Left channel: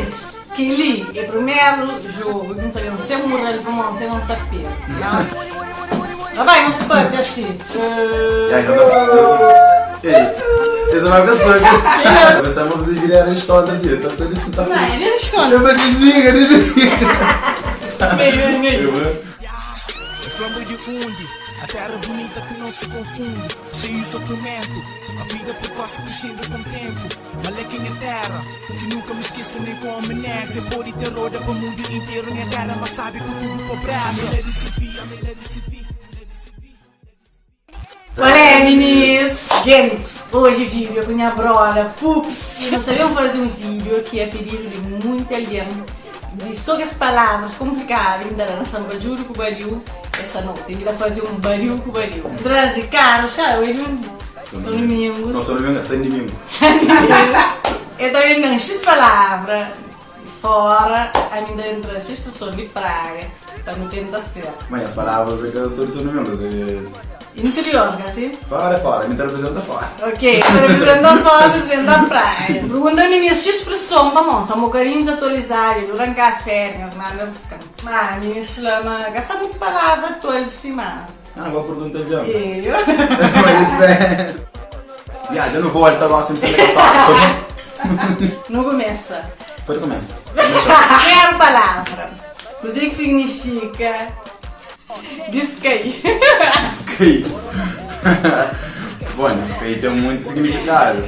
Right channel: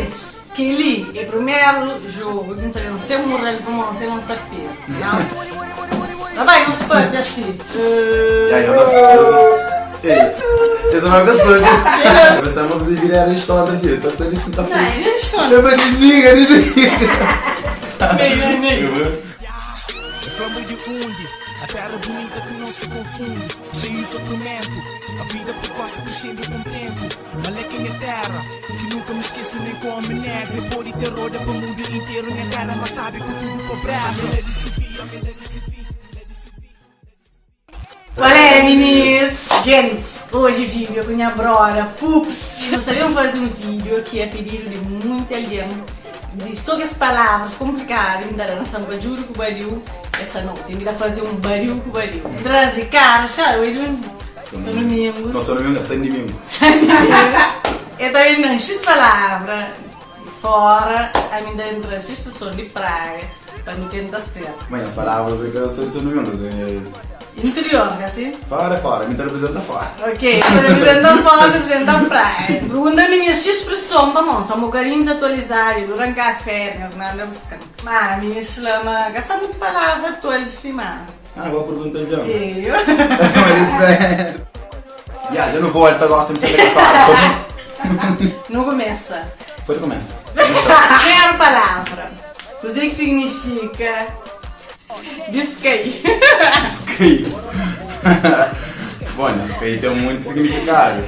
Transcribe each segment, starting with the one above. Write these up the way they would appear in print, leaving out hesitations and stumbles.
Gente, aquele é o primeiro jogo que não sabemos se é moral para não ser um sapê. Tá bem, um spam assim. Eu não vai pensar. Pensava que você virar a história assim. Está sendo isso que está feito. Não esconde. Eu vou desligar. É flama de onde? A terra bonita que não se confunde. Cheio de sofrimento. A vida precoce crescendo com o tempo. Maleca em terra. Que nunca me esqueço nem com amnésia. Pôr e terror para o mundo inteiro. Minha cara, mas sabe que tudo para brasa. Qual é, meninas? Gente, hoje vídeo com a minha brother Pups. Nós sabemos fazer um vídeo que é pedido de muita alguém de sobre as palavras complicadas. Ainda nós estamos barulho com barulho. Essa não, tem que fazer um barulho com barulho. Trazer caros, cara, eu são domingos. Não, são domingos, são domingos. Eu também não X palavras fora, ainda entra X pessoas de praia para me tentar ser. Mas as palavras é que são domingos. Interior, assim? Fora, me representa fora. Ok, representa fora, representa a praia. Perguntando minha expressão, vamos, são bocarinhos atualizados, durante café, mas nada buscam. Mas, minha slama, gasta muito palavra atualizada. Vou perguntar já. Eu? Já não volto agora sem saber a história. Não começa. Pode começar. Primeira palavra. O que significa skate? Skate. Bom, skate tem muito significado.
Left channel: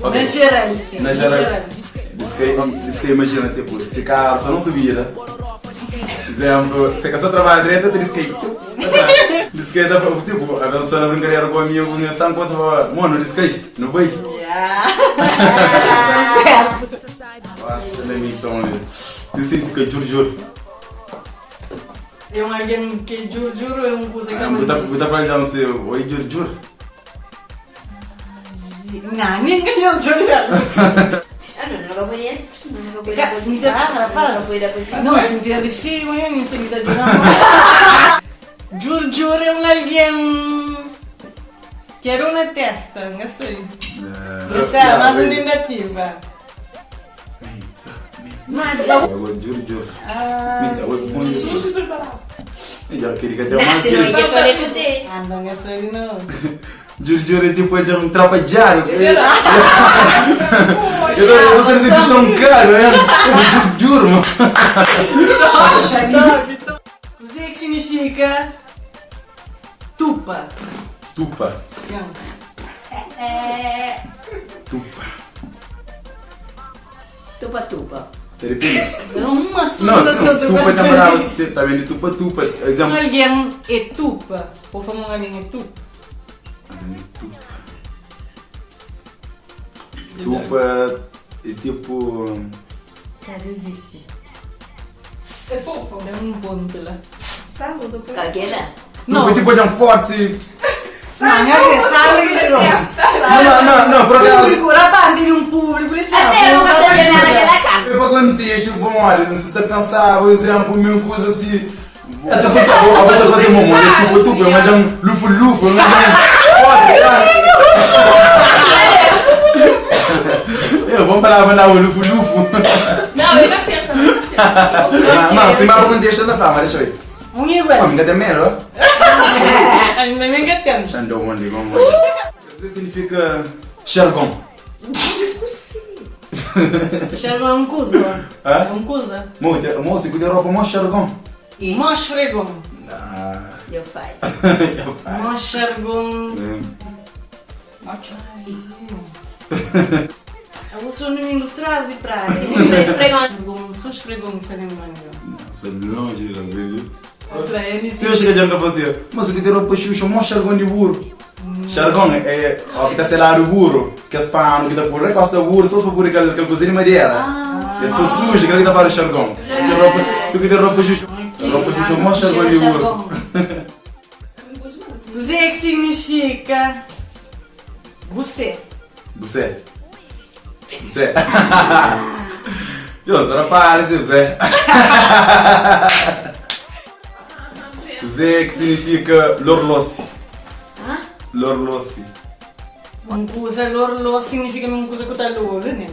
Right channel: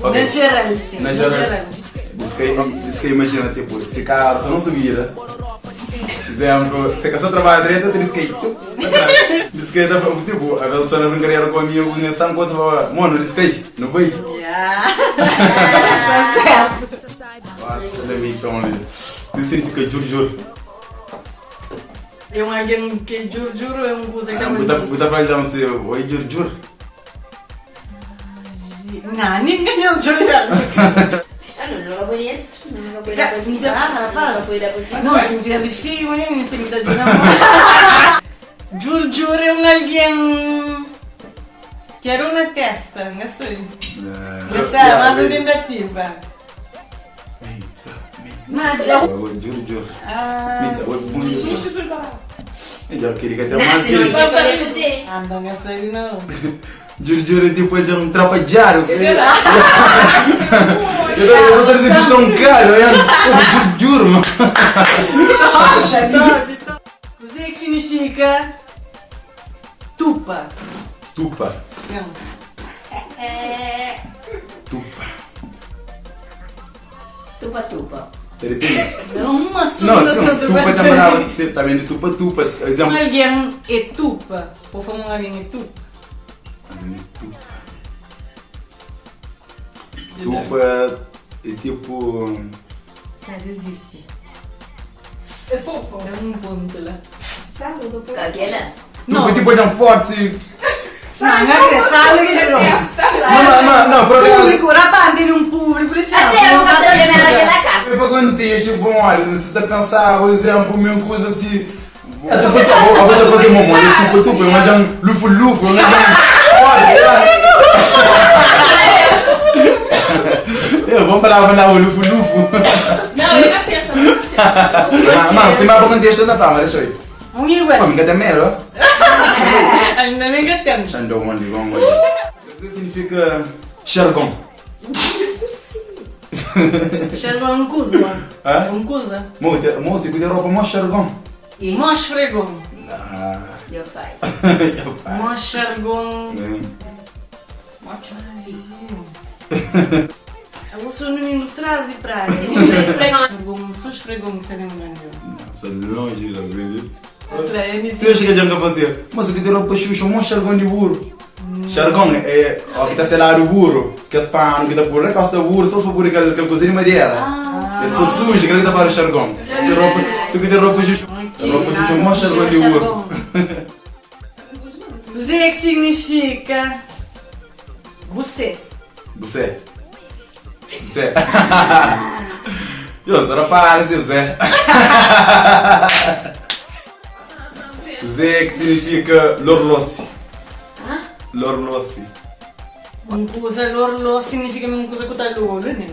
Na geral, sim. Na geral. Skate, imagina, tipo, se carro você não se vira. Por exemplo, se você trabalha direito, tem skate. Skate, tipo, a pessoa não brincadeira com a minha organização, quando mano, skate, não vai? Tá certo. Nossa, não é mixão ali. Isso significa juro. É um alguém que juro é um coisa que Você vai dizer assim, oi, juro. Não, ninguém é o juro. Não lo conheço. Não vou cuidar por mim. Rapaz. Não vou cuidar por mim. Não, se me de filho, não tem que dar de namoro. Juro é um alguém que era uma testa, não sei. Essa é mais uma tentativa. Agora, juro. Agora, bom dia. Eu queria que até mais Se não, eu falei pra você. Não, não sei não. Juro, depois de um trapadear. Eu não sei se eles estão caros, juro, mano. Nossa, o que significa tupa? Tupa. Sim. Tupa. Tupa. De repente. É uma só. Não, tupa está vendo tupa. Exemplo. Alguém é tupa. Por favor, alguém é tupa. Tupa é tipo. Cara, existe. É fofo. É um ponto lá. Sabe? Caguela? Tupa é tipo de forte. Não, é sala que Não, por acaso. público, rapaz, tem um público, isso A sério, nunca se lembra daquela cara. É para quando tem tipo, olha, você está cansado, por exemplo, mesma coisa assim. É tipo, a pessoa fazer uma moeda, tupa, mas dá um lufo, vamos parar para dar o lufo. Não, ele acerta. Mas se vai para deixa da fama, deixa eu. Um igual. Me quer melhor? Ainda nem que temos. Xandão, mano, vamos lá. Isso significa xargão. Xargão é um cusa. Hã? É um cusa. Moça, cuida da roupa, mó xargão. Mós fregão. Eu faço. Mós xargão. Eu sou no domingo traz de praia. Fregão. Só esfregou me sabem bem. Você longe, às vezes. Se eu chego a você, mas cuida da roupa, xuxa, mó xargão de burro. Xargão é o que está selado o burro, que as pano, que está por recosta o burro, só se for por aquele cozinha de madeira. É só suja, que ele está para o xargão. Se cuida da roupa, xuxa, roupa xuxa, mó xargão de burro. O que significa você? Você. Eu só não falo assim, Zé. Zé que significa lorlossi. Lorlossi. Uma coisa lorlo significa uma coisa que está loro, né?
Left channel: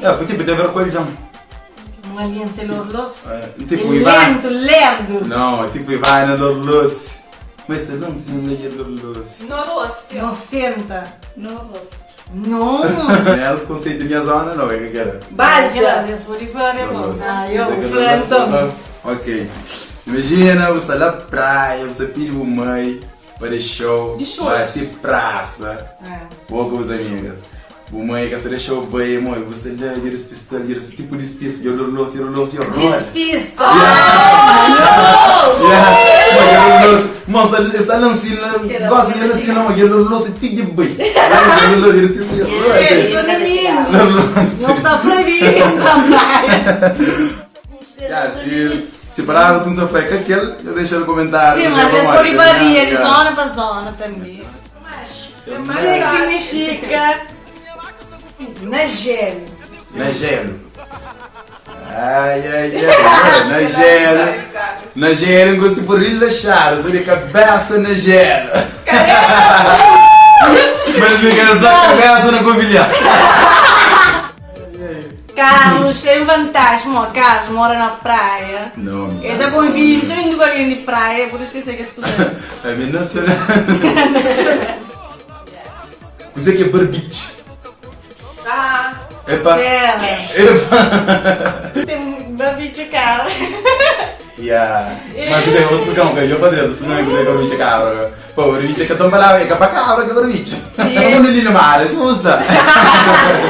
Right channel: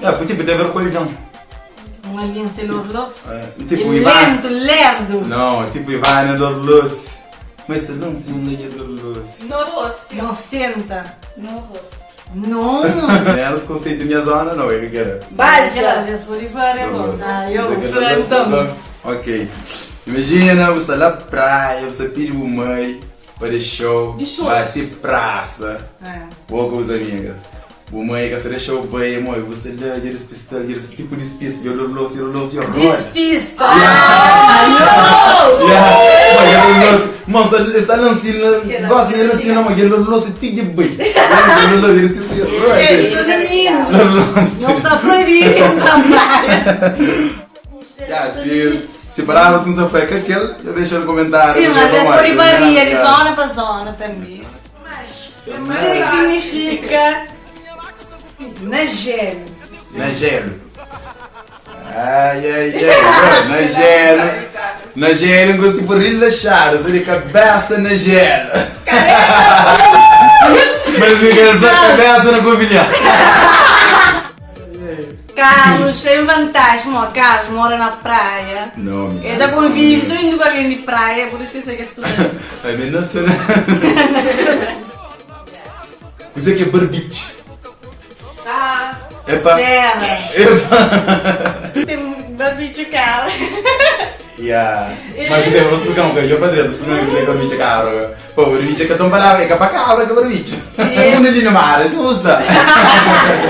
Porque tipo, deve haver colisão. Uma aliança lorlos. Tipo, E Ivan. lento, lerdo. Não, tipo, Ivan é lorlos. Mas se não se não é lorlos. No rosto. Não senta. No rosto. Nossa. Elas conceitam minha zona, não é que quero. Vai, aquela vez por fora, eu então. Ok. Imagina, você está na praia, você tira o mãe para show, vai ter praça, ou com os amigas. O mãe que você show bem, mãe, você dá tipo de espécie, eu não sei. Despista! Mas está lançando, gosto de lançar, mas eu não sei de bem. Isso é menino! Não está proibido na praia! Se parava com essa freca aquele, eu deixo no comentário. Sim, mas por varia de zona para zona também. Mas o que significa nagelo? Nagelo. Ai. Nagelo, gosto de relaxar, usar a cabeça na gelo. Mas me quero pela cabeça na covilhã. Carlos tem vantagem, Carlos mora na praia. Não, ele já convive, se eu indo com alguém de praia, por isso é que as coisas. É bem nacional. Você que é barbiche. Epa. Tem barbiche cara. Mas você vai explicar um bocadinho para dentro, se não quiser barbiche cabra. Pô, barbiche é tão palavra, é para cabra que barbiche. Não é ali no mar, é susta.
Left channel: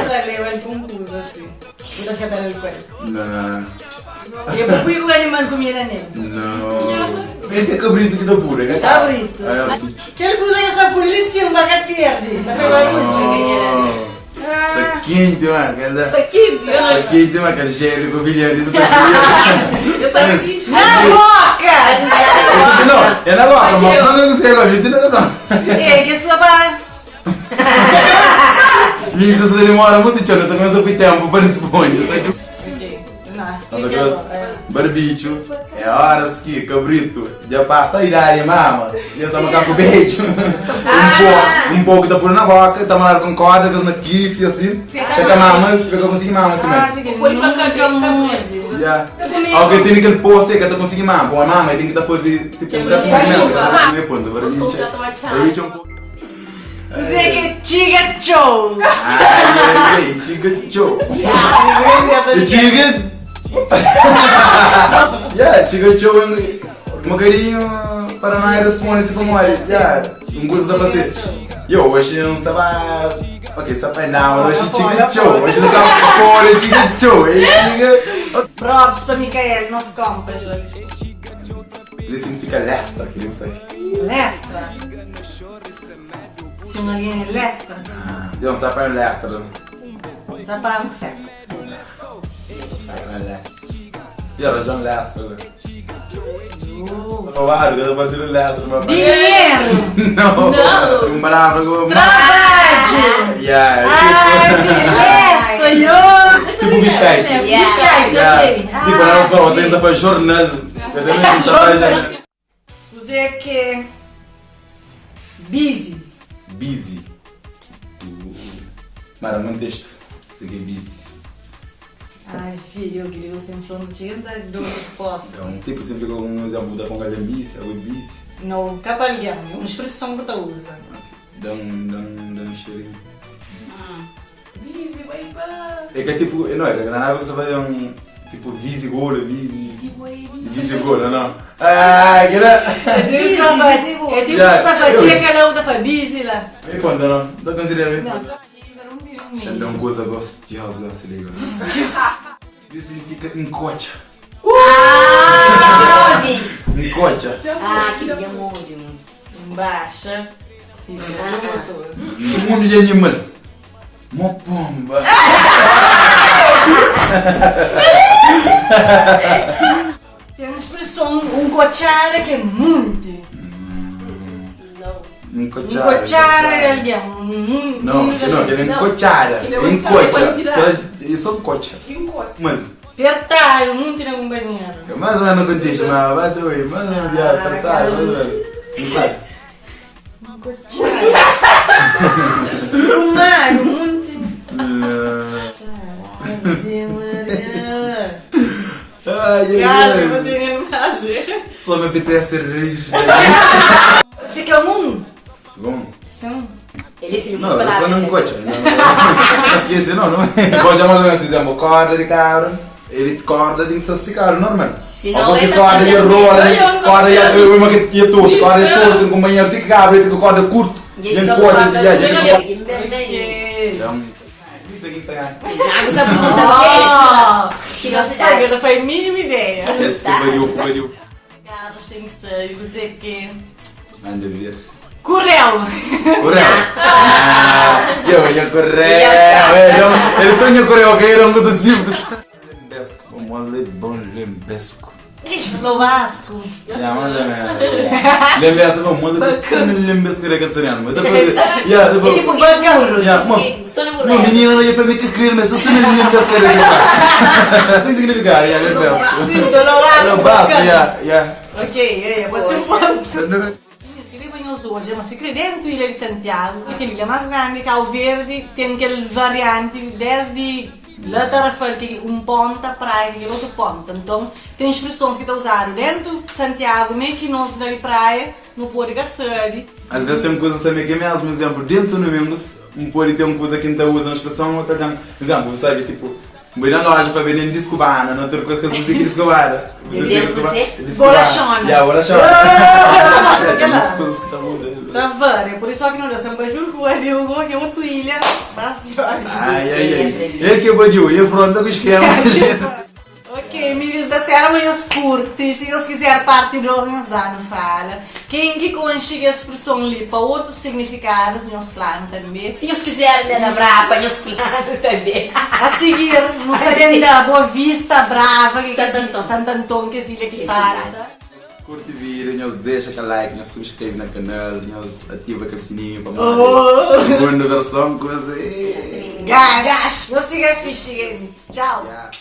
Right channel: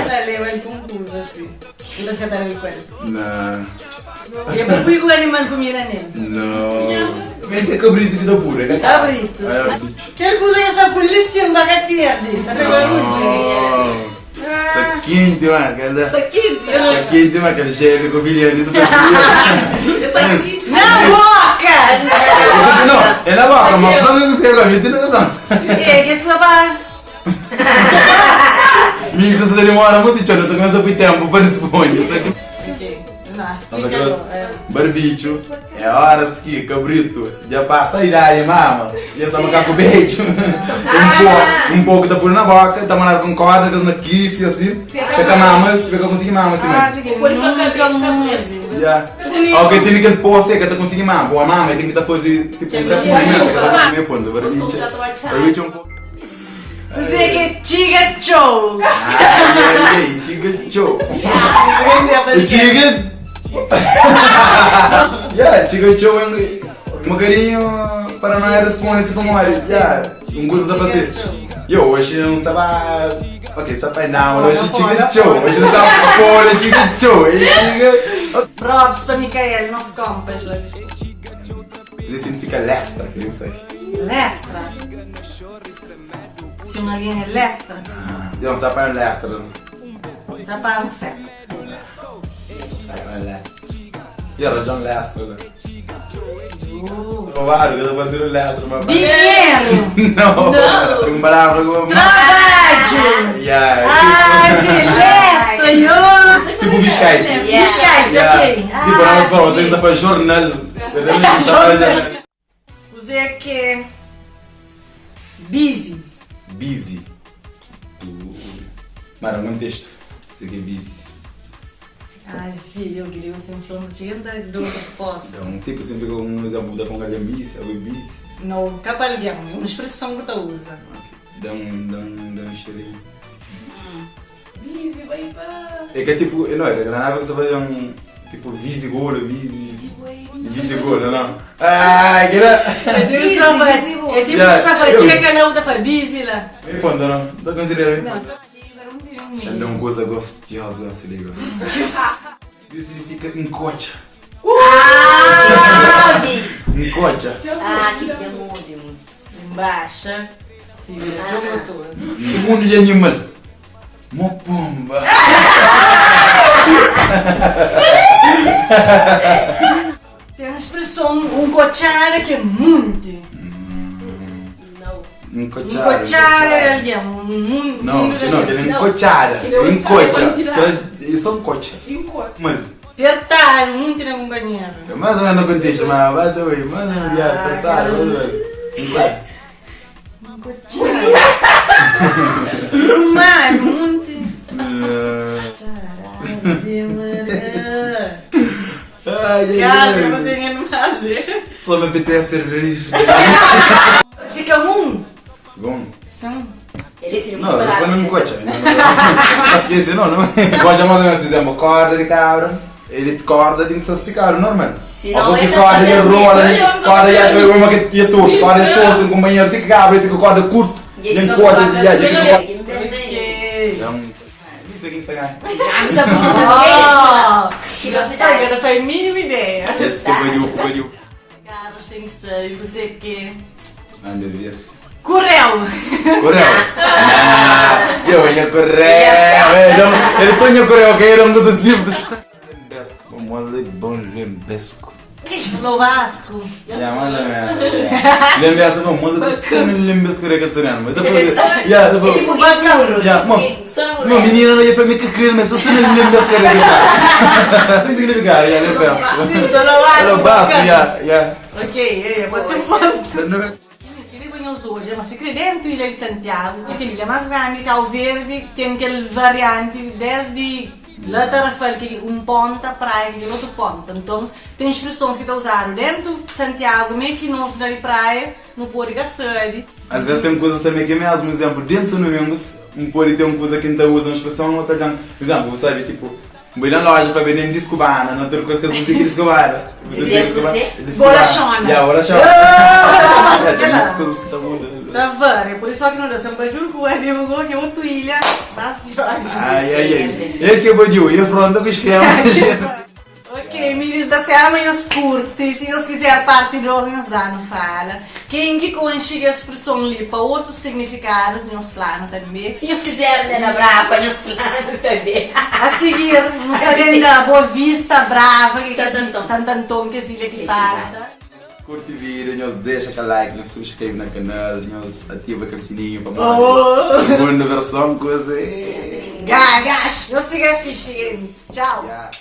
Leva ele confuso assim. Eu deixo até ele com ele. Não. E é por que o animal comia nele? Não. Vem que é cabrito que dá pura, né? Cabrito. Que coisa é essa polícia não vai perde? Tá pegando barulho? Está quente, mano. Está quente. Está quente, mano. Aquele cheiro com bilhete. Na boca! Não, é na boca, mas não sei agora. É, que isso vai. Minha se você demora muito, tchau, eu começo a ter tempo para responder. Barbicho, é horas que cabrito já passa a idade, mama. Já está marcando com o beijo. Um pouco da pura na boca, está marcando com corda, com na kiff, assim. Fica mama, fica conseguindo mama assim mesmo. Já. Alguém tem aquele poço que está conseguindo mama. Boa mama, tem que estar fazendo tipo um certo movimento, que está meio ponto. Barbicho é um pouco. Você que tiga show! Ai, tiga show! Tiga. Tiga show é um carinho para não responder se como é. Um coisa para fazer. Eu hoje não sabe. Ok, sabe não, hoje tiga show. Hoje não sabe fora tiga show. Props para Micael, nosso compas. Isso significa lestra, que eu sei. Lestra? Se uma linha é lestra? Não, sabe lestra. Sabe uma festa. Sabe lestra. E ela já lestra. Claro, eu vou fazer lestra. Dinheiro! Não! Um palavra como... Trabalho! Lestra! Tipo biscate. Biscate, ok. Tipo, nós vamos tentar fazer jornal. Você é que... Busy. Busy. Mara, um texto. Você tem busy. Ai, filho, eu queria você falou não tinha dado resposta. Então, tipo, sempre com um exemplo da fonga de busy, algo busy. Não, capalhão, é uma expressão que tu usa. Dá um cheirinho. Busy, vai embora. É que é tipo, não é que na água você vai um... Tipo, visigola, visigola, não? Ai, que era... É tipo sapatinha que ela usa para busy lá. Me conta, não? Não considera? Não, é uma coisa gostosa, se liga. Isso significa encocha. Encocha. Que demônios. Embaixo. O mundo de animal. Uma pomba. Tem uma expressão, um cochara que é muito. Encochara, ele é muito. Não, que ele é encochara. Encocha. Ele só encocha. Mano. Apertar muito na companheira. Mais ou menos contexto, mas vai doer. Mais ou menos, apertar, vai doer. Encocha. Encochara. Rumar, muito. Ai, Cara, ai, você ai. não fazer. Só me apetece rir. Fica um. Bom. Sim. Ele tira Não, uma isso foi palavra. não cocha. Não esqueci, não. Pode chamar de assim, dizemos, corda de cabra. Ele corda de insasticar, normal. Se Ou não, porque essa corda de fazer rola, assim, corda olha, de uma que ia torcer, corda de torcer, com banheiro de cabra, fica corda curto. E Nem fica corda, corda, já fica corda. Ok. Então, isso aqui você ganha. Ah, mas a pergunta Oh, que não sei, eu não tenho a mínima ideia. Esse que eu Cabras têm seio, dizer que. Anda a ver. Correu! Correu? Eu ia correr. Ele tinha correu, que era coisa simples. Lembesco, como um bom lembesco. No Vasco. Ya, mais ou menos. Lembesco, não, manda que lembesco que era que você mas depois, ya, É depois. tipo burro. Ya, Só não uma menina não ia para mim que querer, mas só não lembesco que era que faz. Não significa, ya, lembesco. Sim, tô no Vasco. Era basco, ya. Ok, você um ponto. Não. Hoje, mas se credente Ilha de Santiago, que tem ilha mais grande, Cabo Verde, tem aquele variante desde lá Tarrafal, que ponta praia e outro ponta. Então, tem expressões que estão usando dentro de Santiago, meio que não se dá de praia, não pode gastar. Às vezes tem coisas também que é mesmo, por exemplo, dentro do mesmo, pode ter uma coisa que ainda usa uma expressão, outra já, por exemplo, você sabe, tipo, vou na loja para vender disco bana, não tem outra coisa que eu sei que disco bana. Bolachona. Já, bolachona. Tem coisas que estão mudando. Tá vendo? Por isso que não dá sempre julgo, é divulgou que é outra ilha, bastante. Ai. É que eu vou dizer, eu pronto com o esquema. Ok, me diz da Serra, mas os curte, se eles quiserem parte de nós, nos dá, não fala. Quem que conchega a expressão ali para outros significados, nos lá, não também. Se Deus quiser, né, na brava, nós falamos também. A seguir, não sabendo da Boa Vista, Brava, que Santo Antônio. Santo Antônio, que é ilha que falta. Curte o vídeo, nos deixa aquele like, nos subscreve no canal, nos ativa aquele sininho para Oh. mais segunda versão, coisa. Gás! Não siga fixe, gente. Tchau. Yeah.